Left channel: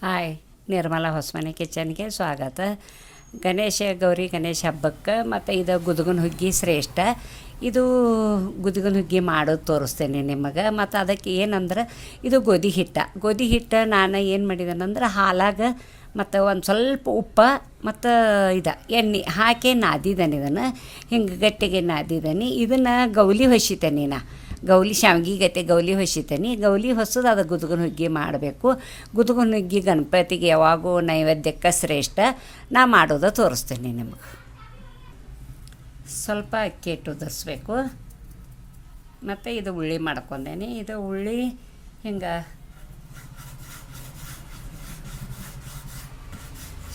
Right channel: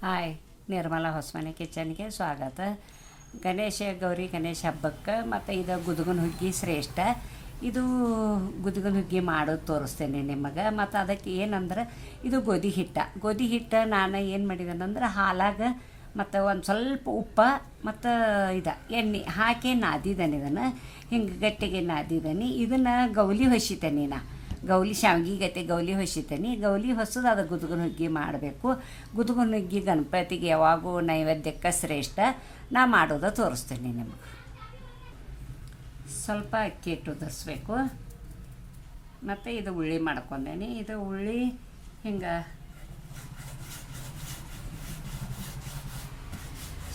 Hi, Nirmala Hosamane ಕಿಚನ್ಗೆ ಸ್ವಾಗತ. ಗಣೇಶ ಗೌರಿ ಗಣೇಶ ಹಬ್ಬಕ್ಕೆ ಮತ್ತು ಇದು ಗುದ್ಗನ ಹುಗ್ಗಿ ಶ್ರೇಷ್ಠ. ಇದು ಗುದುಗುನ ಹುಗ್ಗಿ ಮಾಡೋದು ತೋರಿಸ್ತೇನೆ ನಿಮಗೆ. ಮತ್ತು ಅದಕ್ಕೆ ಏನಂದ್ರೆ, ಇದು ಗೋಧಿ ಹಿಟ್ಟ. ಗೋಧಿ ಹಿಟ್ಟು ನಾನು ಏನು ಮಾಡಿದ್ದೇನೆಂದ್ರೆ ಹಾಲಾಗ ಮತ್ತು ಒಂದು ಸ್ವಲ್ಪ ಉಪ್ಪ ಮತ್ತು ಇದು, ಎಣ್ಣೆ ಹಾಕಿ ನಾದಿದ್ದಾನೆ ಇದನ್ನು. ಹಿಂಗೆ ಗಟ್ಟಿಗೆ ನಾದಿದ್ದಾನೆ ಇದನ್ನು ಗೌಲಿ ಹೊಸಿತೇನೆ ನಾ. ಗೌಲಿ ಶಾವ್ಗೆ ಗತೆ ಗೌಲಿ ಹೊಸಿತೇನೆ. ಗೌಲಿ ಹೊಸದು ಅದು ಗುದ್ಗುನ ಹುಗ್ಗಿ ಮಾಡಬೇಕು. ಗುದ್ಗುನ ಹುಗ್ಗಿ ಗಣಪತಿಗೆ ಯಾವಾಗೂ ನೈವೇದ್ಯಕ್ಕೆ ಶ್ರೇಷ್ಠ. ನಾ ಮಾಡೋದು ತೋರಿಸ್ತೀನಿ ನಿಮಗೆ. ಸ್ವಲ್ಪ ಅಕ್ಕಿ ಹಿಟ್ಟು ಉದುರಿಸ್ಬೇಕು. ಮತ್ತು ಇದು ಉಳ್ಳಿ ಮಾಡ್ಕೊಂಡೇನಿ. ಇದು ಉಳ್ಳಿ ಹಿಂಗೆ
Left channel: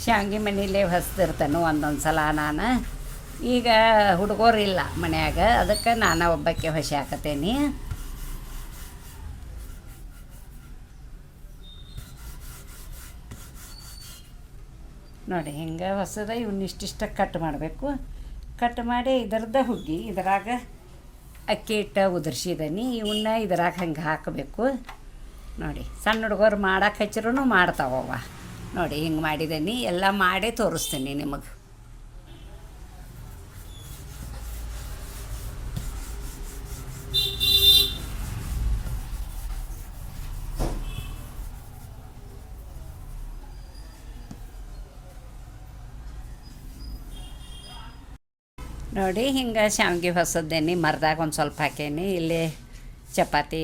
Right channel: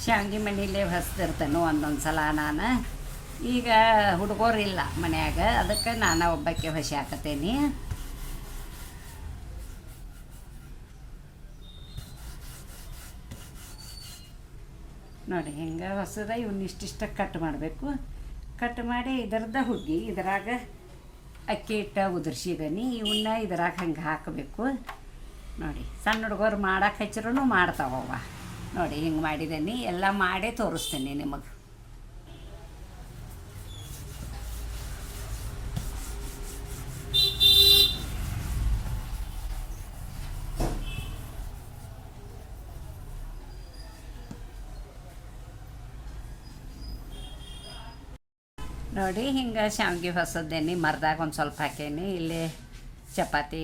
ಶಾವ್ಗೆ ಮನೇಲೆ ಹೊಸ್ದಿರ್ತಾನೆ ಒಂದೊಂದು ಸಲ ನಾನು. ಈಗ ಹುಡುಗರಿಲ್ಲ ಮನ್ಯಾಗ, ಅದಕ್ಕೆ ನಾನು ಒಬ್ಬಕ್ಕೆ ಹೊಸಿ ಹಾಕತೇನಿ. ನೋಡಿ, ಹಿಂಗೆ ಹೊಸದ ಇವನ್ನ ಇಷ್ಟಿಷ್ಟ ಕಟ್ ಮಾಡಬೇಕು. ಕಟ್ ಮಾಡಿ ಇದರದ ಹುಗ್ಗಿ, ಇದರಾಗ ಅಕ್ಕಿ ಹಿಟ್ಟು ಉದುರ್ಸಿದನಿ ಇವನ್ನ ಇದ್ರಾಗ ಹಂಗೆ ಹಾಕಬೇಕು. ನೋಡಿ, ಸಣ್ಣ ಹುಡುಗರು ಮಾಡಕ್ಕೆ ಹಚ್ಚಿರೂ ಮಾಡ್ತಾವವ ನೋಡಿ, ಹಿಂಗೆ ಮಾಡಿದ್ದೀನಿ ಎಲ್ಲ ಮಾಡೇ ತೋರಿಸ್ತೀನಿ ನಿಮಗೆ. ನೋಡಿ, ಹಿಂಗೆ ಶಾವಿಗೆ ಹೊಸದೇನಿ, ಮರದಾಗ ಒಂದು ಸ್ವಲ್ಪ ಹಾಕೇನಿ. ಇಲ್ಲಿ ಚಪಾತಿ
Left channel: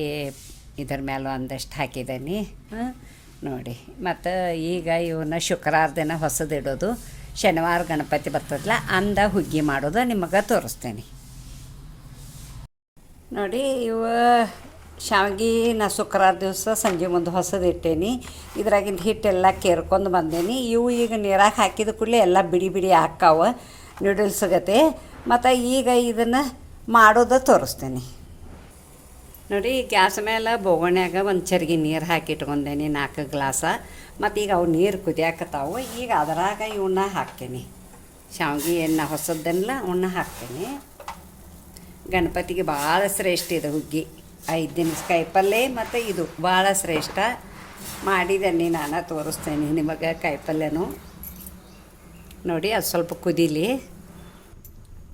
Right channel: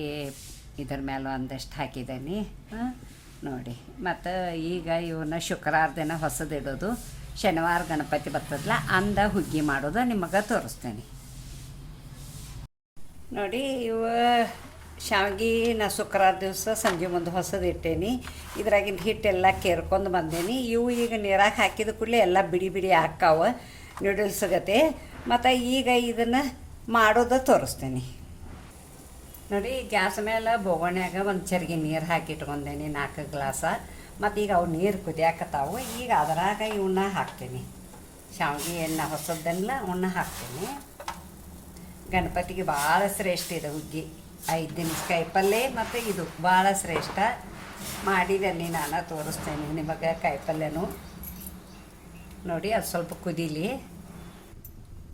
ಇದ್ರ ಮೇಲೆ ಒಂದಷ್ಟು ಹಾಕಿದ್ದೇನೆ ನೋಡಿ. ಮತ್ತು ಈಗ ಇವನ್ನ ಶುಕ್ರವಾರ ದಿನ ಹೊಸದಿಡೋದು ಶನಿವಾರ ಗಣಪತಿ ಬರ್ತದಲ್ಲ ಅಂದ ಹುಗ್ಗಿ ಮಾಡೋದು ನಿಮಗೆ ತೋರಿಸ್ತೇನೆ. ನೋಡಿ, ಇವ ಶಾವಿಗೆ ನಾ ಶುಕ್ರವಾರ ದಿವಸ ಸಂಜೆ ಮುಂದೆ ಹೊಸದು ಇಟ್ಟೇನಿ. ಇದ್ರಾಗಿಂದ ಹಿಟ್ಟೆಲ್ಲ ಕೇರ್ಕೊಂಡು ಬಂದೇನಿ. ಇವು ಈಗ ನೀರಾಗ ಹಾಕಿದ ಕೂಡಲೇ ಎಲ್ಲ ಬಿಡಿ ಬಿಡಿ ಹಾಕ್ಕಾವ ನೂಡಲ್ಸ್ ಗತೆ. ಮತ್ತು ಈಗ ಇದನ್ನು ಮಾಡೋದು ತೋರಿಸ್ತೀನಿ. ನೋಡಿ ಗ್ಯಾಸ್ ಮೇಲೆ ಬೋಗಣ್ಯಾಗ ಒಂದು ಚರಿಗೆ ನೀರು ಹಾಕಿ ಇಟ್ಕೊಂಡೇನಿ ನಾಲ್ಕು ಗ್ಲಾಸ. ಮತ್ತು ಈಗ ಅವು ನೀರು ಕುದಿಯಾಕತ್ತಾವು, ಈಗ ಅದರಾಗ ಇವನ್ನ ಹಾಕ್ತೀನಿ. ಶಾವಿಗೆ ಎಣ್ಣೆ ಹೊಸದನ್ನೆಲ್ಲ ಉಣ್ಣ ಹಾಕ್ತೀನಿ. ಗಣಪತಿಗೆ ಭಾಳ ಶ್ರೇಷ್ಠ ಇದು ಹುಗ್ಗಿ. ಐದು ದಿನ ಕಾಯಿಪಲ್ಲೆ ಮತ್ತು ಇದು ಭಾಳ ಶ್ರೇಷ್ಠ. ಮಾಡಿದ್ದೀನಿ ನಾನು ತೋರಿಸ್ತೇನೆ ನಿಮಗೆ ಕಾಯಿಪಲ್ಯನು ನೋಡಿ, ಅದು ಸ್ವಲ್ಪ ಕುದೀಲಿ.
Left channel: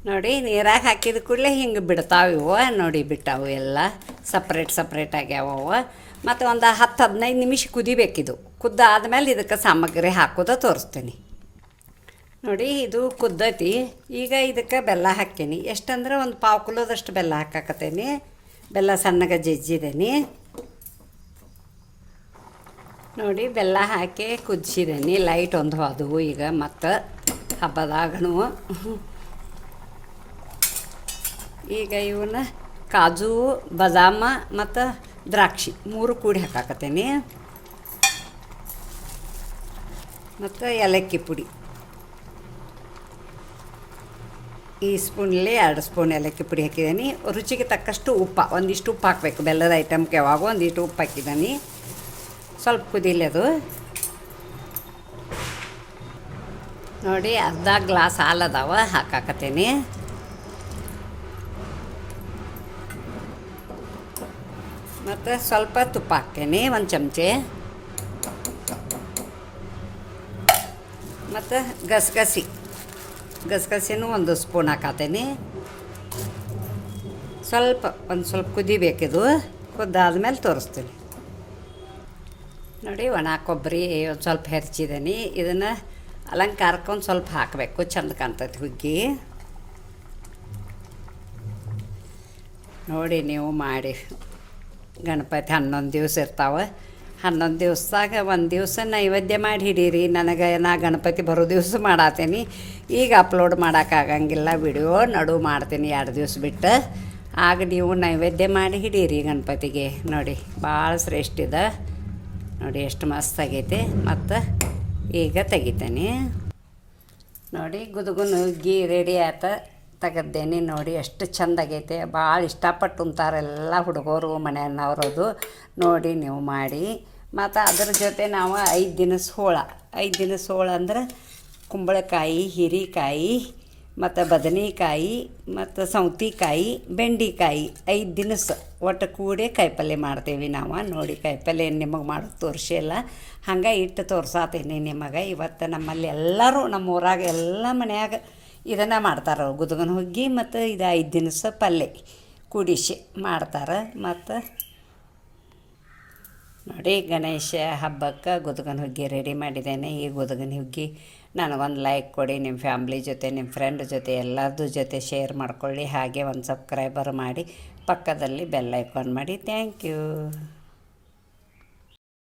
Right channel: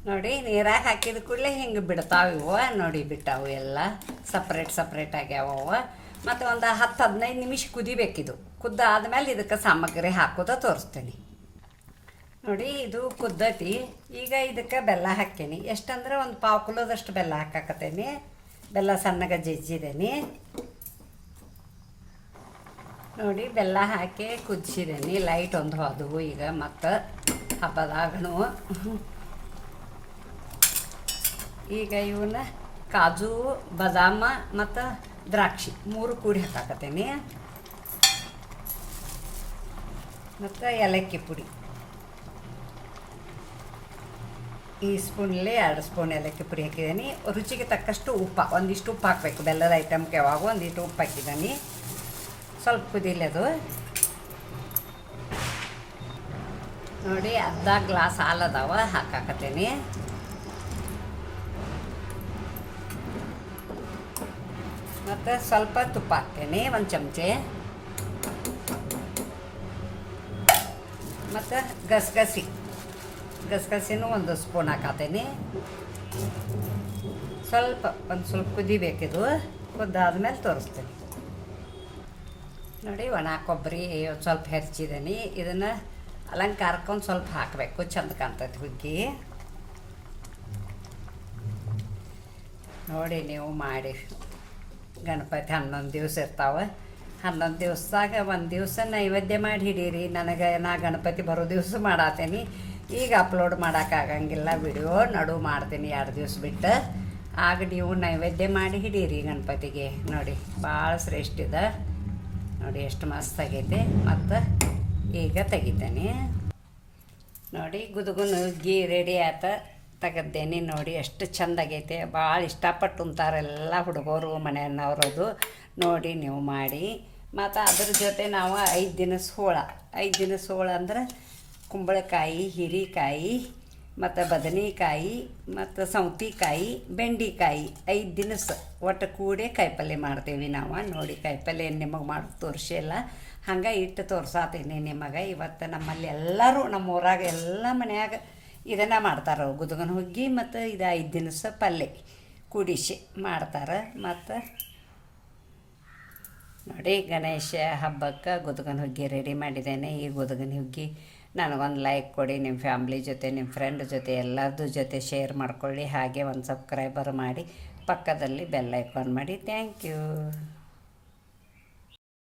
ನೋಡಿ, ನೀರಾಗ ಹಾಕಿದ ಕೂಡಲೇ ಹಿಂಗೆ ಬಿಡ್ತಾವೆ ಇವು. ನೋಡಿ, ಬಿಟ್ಟಾವು ಎಲ್ಲ. ಸಪ್ರೇಟ್ ಸಪ್ರೇಟ್ ಆಗ್ಯಾವ ಮತ್ತು ಒಂದು ಹತ್ತು ಹದಿನೈದು ನಿಮಿಷ ಕುದಿಬೇಕಿದು. ಕುದ್ದಾದ್ಮೇಲೆ ಇದಕ್ಕೆ ಸಾಮಗ್ರಿ ಹಾಕೋದ ತೋರಿಸ್ತೀನಿ. ನೋಡಿ, ಇದು ಕುದ್ದೈತಿ. ಈಗ ಇದಕ್ಕೆ ಬೆಲ್ಲ ಹಾಕ್ತೀನಿ. ಎಷ್ಟಂದ್ರೆ ಒಂದು ಪಾವು ಕಿಲೋದಷ್ಟು ಬೆಲ್ಲ ಹಾಕಾಕತ್ತೇನಿ. ಬೆಲ್ಲ ಸಣ್ಣಗೆ ಜಜ್ಜಿದೇನಿ. ನೋಡಿ, ಬೆಲ್ಲ ಹಾಕಿ ಕುದಿಸಿದೇನಿ. ಲೈಟ್ ಒಂದು ಹೋದವು ಈಗ ಮತ್ತು ಹಬ್ಬದಾಗನು. ಈಗ ಇವನ್ನ ಕಾಜು, ಬದಾಮ ಮತ್ತು ದ್ರಾಕ್ಷಿ ಮೂರು ಕೂಡಿ ಹಾಕಾಕತ್ತೀನಿ. ಮತ್ತು ಏಲಕ್ಕಿ ಪುಡಿ. ಈ ಸ್ಪೂನಲ್ಲಿ ಎರಡು ಸ್ಪೂನ್ ಏಲಕ್ಕಿ ಪುಡಿ ಹಾಕಿದ್ದೀನಿ ರುಚಿಗೆ ತಕ್ಕಷ್ಟು ಉಪ್ಪು, ಒಂದಿಷ್ಟು ಉಪ್ಪು ಹಾಕಬೇಕು. ಬೆಲ್ಲದ ಐಟಮ್ಗೆ ಯಾವಾಗ ಒಂದಿಷ್ಟು ಉಪ್ಪು ಹಾಕಿದ್ದೀನಿ ಸ್ವಲ್ಪ ಕುದಿಲಿ ಅದು. ನೋಡಿ, ಅರ್ಧ ಗ್ಲಾಸ್ ಹಾಲು ಅದಾವ ಹಾಕಾಕತ್ತೀನಿ. ಮತ್ತು ಸ್ವಲ್ಪ ತುಪ್ಪ ಹಾಕ್ತೇನೆ, ಒಂದು ಚಮಚೆ. ಮತ್ತು ಗಸಗಸಿ. ಗಸಗಸಿನೂ ಒಂದು ಸ್ಪೂನ್ ಹಾಕತ್ತೇನೆ ಸ್ವಲ್ಪ, ಒಂದು ಸ್ವಲ್ಪ ಕುದಿಬೇಕಿದು ಕುದ್ದಾದ್ಮೇಲೆ ತೋರಿಸ್ತೀನಿ. ನೋಡಿ, ಒಣ ಕೊಬ್ಬರಿ ಸ್ವಲ್ಪ ಹೆರ್ಚಿದ್ದೀನಿ ಇದನ್ನು ಅಲಂಕಾರಕ್ಕೆ ಒಂದು ಸ್ವಲ್ಪ ಹಾಕಬೇಕು, ಚಂದ ಕಾಣ್ತೈತಿ ಹುಗ್ಗಿ. ನೋಡಿ, ನೀವು ಮಾಡಿ. ಗಣಪತಿ ಹನ್ನೊಂದು ದಿವಸ ಇರ್ತಾವೆ. ಹನ್ನೊಂದು ದಿವಸದಾಗ ಒಂದು ದಿವಸ ನೈವೇದ್ಯ ಮಾಡಿ ಹಿಡೀರಿ. ನನಗೆ ನಾ ಗಣಪತಿ ಬರೋ ದಿವಸ ಮಾಡಾತೀನಿ. ಈಗ ಅಪ್ಲೋಡ್ ಮಾಡೋಕ್ಕಾಗಂಗಿಲ್ಲ ವಿಡಿಯೋ ನಡು ಮಾಡ್ತೀನಿ ಎರಡು ದಿವಸ ಬಿಟ್ಟು. ಆಗ ನೀವು ನೈವೇದ್ಯ ಮಾಡಿ ಹಿಡೀರಿ ಗಣಪತಿಗೆ. ನೋಡಿ ಭಾಳ ಶ್ರೇಷ್ಠ ಇದೆ. ನೋಡಿ, ಎಷ್ಟು ಮಸ್ತ್ ಆಗೈತೆ. ಮತ್ತು ಈಗ ತೆಗಿತೇನೆ. ನೋಡಿ, ಗುದುಗುನು ಗೀ ರೆಡಿ ಆತ. ತೆಗೆದ್ದೇನೆ ನೋಡಿ, ಎಷ್ಟು ಚಂದ ಆಗೈತೆ. ಭಾಳ ಇಷ್ಟಪಟ್ಟು ಉಂತಾರೆ ಎಲ್ಲ ಹುಡುಗರು ಮನೆಯನ್ನವರದು ನೋಡಿ ನೀವು ಮಾಡಿ. ಮತ್ತು ಅದ್ರ ಜೊತೆ ನಾವು ಐದು ದಿನ ಸೋಳ. ಐದು ದಿನ ಸೋಳ ಅಂದ್ರೆ ಕುಂಬಳಕಾಯಿ, ಹೀರೆಕಾಯಿ, ಮತ್ತು ಬದನೆಕಾಯಿ, ಮತ್ತು ಸೌತಿಕಾಯಿ, ಬೆಂಡಿಕಾಯಿ ಐದು ದಿನಸ ಒಟ್ಟು ಕೂಡಿ ಕಾಯಿಪಲ್ಯ ಮಾಡ್ತೀವಿ ನಾವು. ನೋಡಿ ಕಾಯಿಪಲ್ಯ ನಿಮಗೆ ಮಾಡೋದು ತೋರಿಸಿಲ್ಲ ಹಂಗೆ ಇಟ್ಟು ತೋರ್ಸಾತೀನಿ ನಿಮಗೆ. ಇವತ್ತು ನಮ್ಮಲ್ಲಿ ಎಲ್ಲರೂ ನಮ್ಮ ಊರಾಗ ಎಲ್ಲ ಮನ್ಯಾಗ ಇದನ್ನು ಮಾಡ್ತಾರೆ ಗುದಗನ ಹುಗ್ಗಿ ಮತ್ತು ಇದು ಐದು ದಿನಸ ಪಲ್ಯ ಕುಡಿಸಿ ಮಾಡ್ತಾರೆ ಮತ್ತು ನೋಡಿ ಗಣೇಶ ಹಬ್ಬಕ್ಕೆ ಗುದಗನ ಹುಗ್ಗಿ ರೆಡಿ ಮಾಡಿದ್ದೇನೆ. ಈ ಗುದಗನ ಹುಗ್ಗಿ ನನಗೊಂದು ಲೈಕ್ ಕೊಡಿ ನಿಮ್ಮ ಫ್ಯಾಮ್ಲಿ ಜೊತೆ ನಿಮ್ಮ ಫ್ರೆಂಡ್ ಜೊತೆ ಎಲ್ಲರದ್ದು ಜೊತೆ ಶೇರ್ ಮಾಡ್ಕೊಳ್ಳಿ. ಹಾಗೆ ಒಂದು ಸಬ್ಸ್ಕ್ರೈಬರ್ ಮಾಡಿ ಪಕ್ಕದಲ್ಲಿ ಬೆಲ್ ಐಕಾನ್ ಮಾಡಿ. Thank you